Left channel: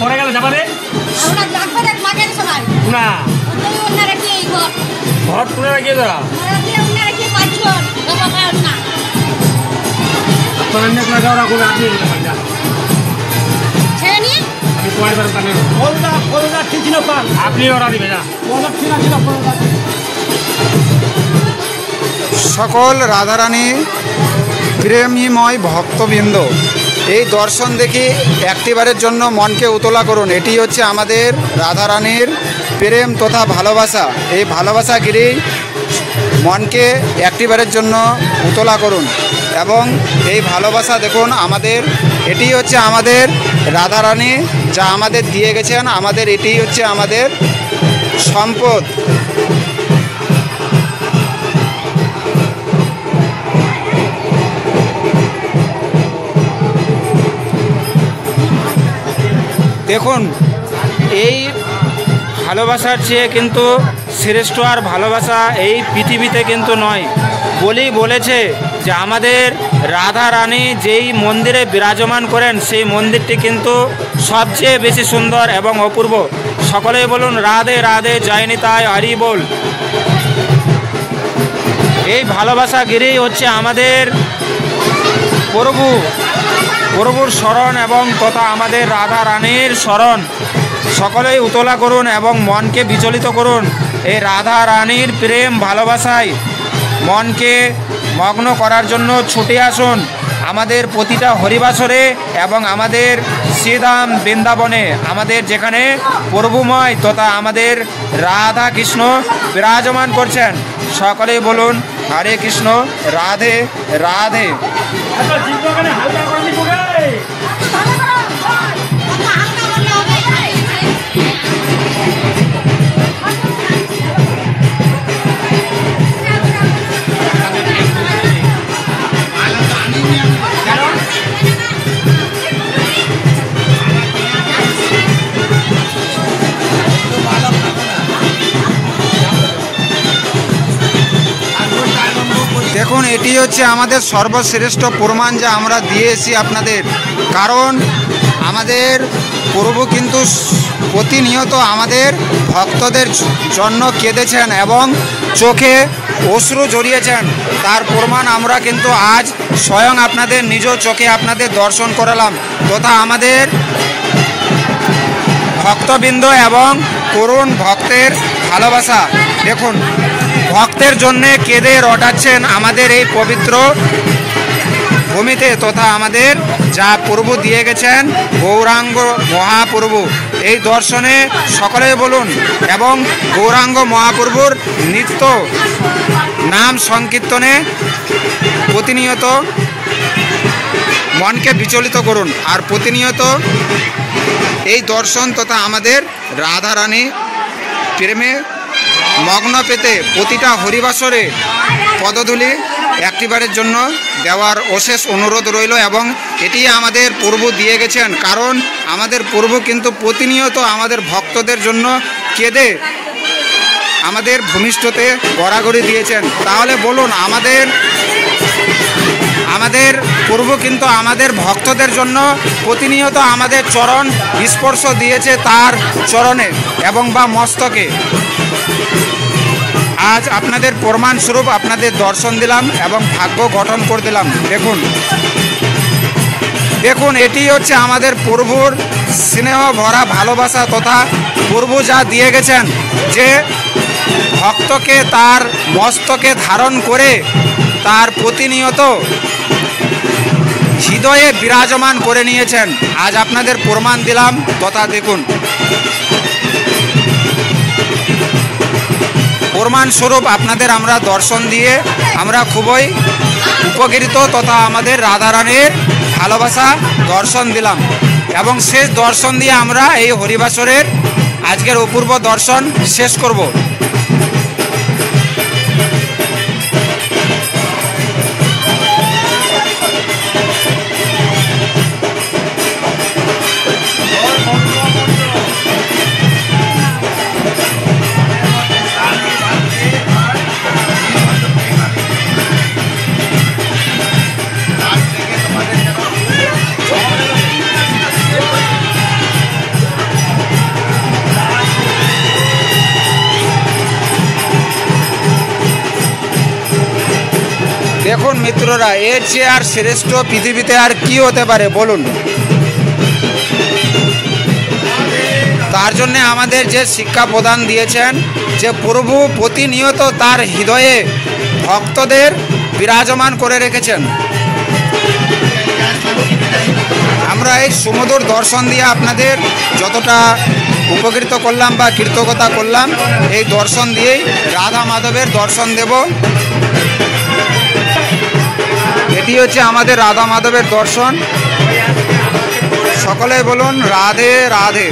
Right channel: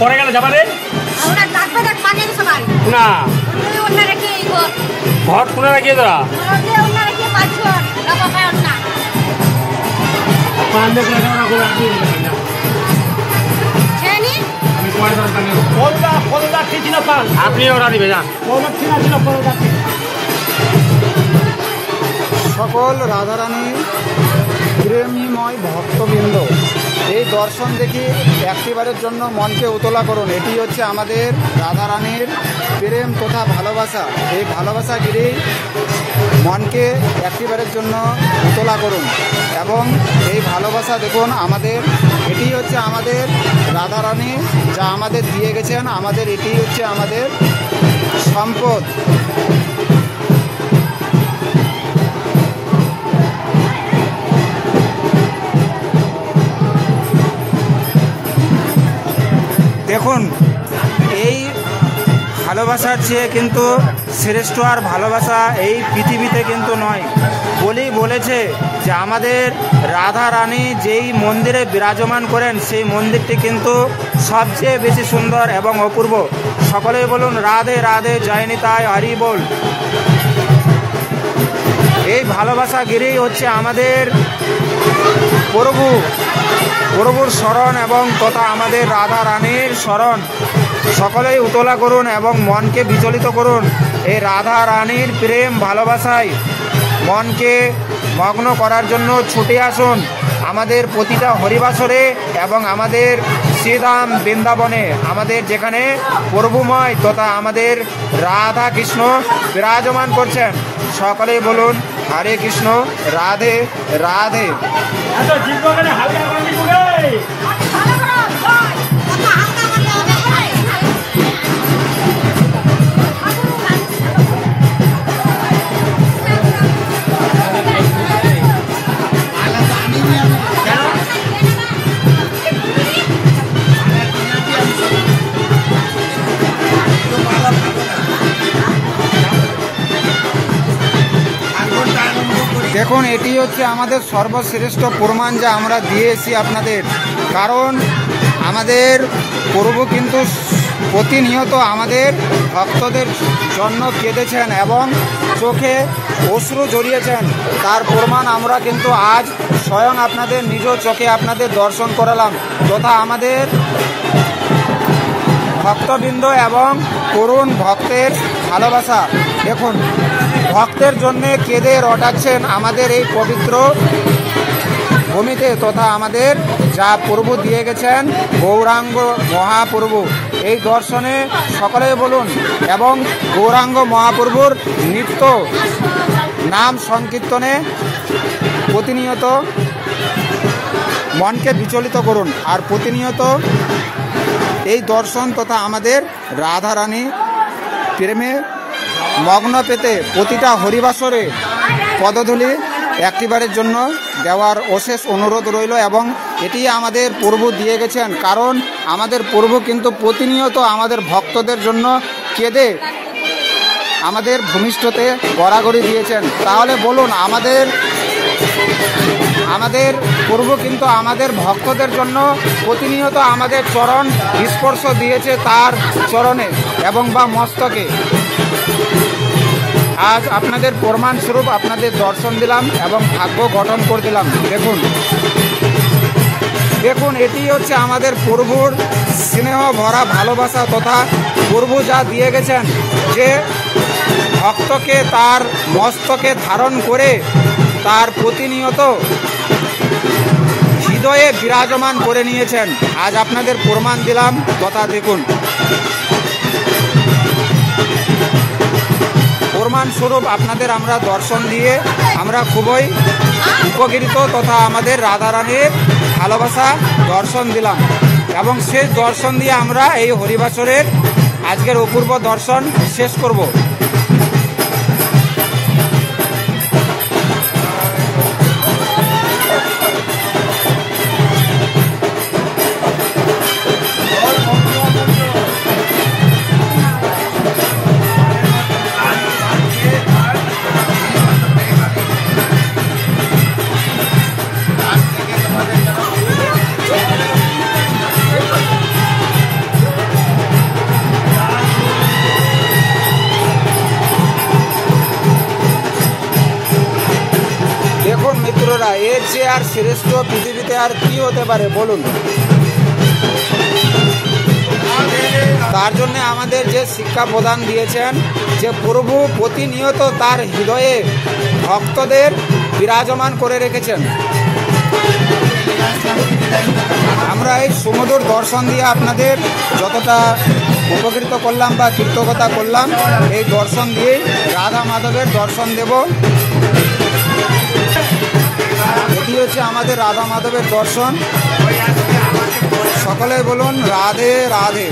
পরে গেলে যাবা রে না ঘর তুলে রাখিয়ে তোরা আপনি অর্ডার দিবে যা সকল রাধারানী প্রেমীময় ভক্তবৃন্দ, এই দর্শন দেখি একটিবারের জন্য মনকে উতলা করুন। এটি হচ্ছে আমাদের রাধারানীর প্রেম তথা ভালোবাসা। এই ভালোবাসাগিরি মনকে একটিবারের জন্য উতলা করুন এবং এই ভালোবাসা দেখুন আমাদের, এটি হচ্ছে আমাদের রাধারানী যা আমাদের দিয়ে গেছেন। আমাদের এটি হচ্ছে আমাদের সম্পদ। দেখুন এই ভালোবাসার চেয়ে কিন্তু শ্রেষ্ঠ আর ভালোবাসা এই পৃথিবীতে কিন্তু নয়। বলেছে যে আমাদের রাধা রানী যেই মন্দিরে বিরাজমান করেন সেই মন্দিরটি কিন্তু সবচেয়ে বেশি সুন্দর এবং অপূর্ব। সকলেই বলুন রাধে রাধে, জয় নিতাই, হরি বল। এই ভালোবাসা গিরি হচ্ছে আমাদের প্রভুর শরণ এবং তথা আমাদের রাধা রানীর শরণ। সকলেই উতলা করুন এবং মনকে বিচলিত করুন এই রাধা রানীর প্রেম ভালোবাসায়। মনকে মগ্ন করার জন্য ছুটে আসুন আমাদের প্রতিটা হরিবাসরে এবং আমাদের শ্রীধাম বৃন্দাবনে, আমাদের যেখানে প্রভুময় তথা আমাদের রাধা কৃষ্ণ বিরাজমান করছেন। সকলেই বলুন হরে কৃষ্ণ, রাধে রাধে। এটি হচ্ছে আমাদের সর্বশ্রেষ্ঠ প্রমাণ যা আমরা দিয়েছি আপনাদের। কারণ আমাদের প্রভু কিন্তু প্রতিনিয়ত আমাদের ভক্তদের জন্য কেঁদেছেন এবং চোখে অশ্রু ঝরিয়েছেন। তার প্রমাণ আমরা কিন্তু আজ স্বয়ং আপনাদের নিজ চোখে আপনাদের দর্শন করালাম তথা আমাদের ভক্তবৃন্দ এবং করুণ ভক্তের ভালোবাসা। দেখুন ভক্তের জন্যে কেঁদে রটাচ্ছেন আমাদের এই পবিত্র ভূমিতে তথা আমাদের যা প্রভু দিয়ে গেছেন গৌরাঙ্গ মহাপ্রভু। এই দর্শনে সকলে বলুন এবং গৌরাঙ্গ মহাপ্রভুর নিত্য নাম সংকীর্তনে প্রতিনিয়ত মনকে বিচলিত করুন আর প্রতিনিয়ত এই দর্শন তথা আমাদের রাধারানী প্রেমে মগ্ন পেতে প্রতিটা হরিবাসরে পদধূলি একটিবারের জন্য দেওয়ার অশেষ অনুরোধ রইল। এবং এটি আমাদের প্রভু দিয়ে গেছেন, কারণ আমাদের প্রভু কিন্তু প্রতিনিয়ত আমাদের ভক্তদের জন্য কেঁদে আমাদের ভূমিষ্ঠতে গড়াগড়ি দিয়েছেন। তাহলে বলুন আমাদের প্রভু কিন্তু আমাদের ভক্তদের জন্য প্রতিনিয়ত আমাদের চরণ স্পর্শ দিয়েছে তার চরণে এবং বা মস্তকে। আজ আপনাদের প্রমাণস্বরূপ আপনাদের দর্শন দিলাম এবং ভাগ্য গঠন করে দিলাম। দেখুন এটি হচ্ছে আমাদের প্রভুর স্নেহ ভরা ভালোবাসা তথা প্রভু যা দিয়ে গেছেন যে ভক্তকে তার মস্তকে ধারণ করে তার প্রতিনিয়ত হৃদয়ে বিরাজমান করে নিয়েছেন। আজ আপনাদের প্রমাণ দিলাম তথা দেখুন প্রমাণস্বরূপ আপনাদের আমরা দর্শন দিয়ে আমরা খুবই উপকৃত তথা আমাদের রাধারানীর ভালোবাসা দর্শন দিলাম এবং শেষ দর্শন দিয়ে আমরা এই হরিবাসরের আজকের অপূর্ব দর্শন শেষ করব। মিত্ররা, এর চেয়ে আর শ্রেষ্ঠ পৃথিবীতে আর কি হতে পারে বলুন? তার জন্য আমাদের যে শিক্ষা প্রদান দিয়েছেন যে প্রভু প্রতিনিয়ত তার হৃদয়ে ভক্তদের বিরাজমান করে রেখেছেন। আমরা এই সুমধুর দর্শন দিয়ে আপনাদের যতটা উপকৃত করলাম বা কৃতজ্ঞতা করলাম, এই দর্শন দিয়েই রাধা মাধবের দর্শন দেব। এটি হচ্ছে আমাদের রাধা মাধবের দর্শন। সকলে বলুন রাধে রাধে।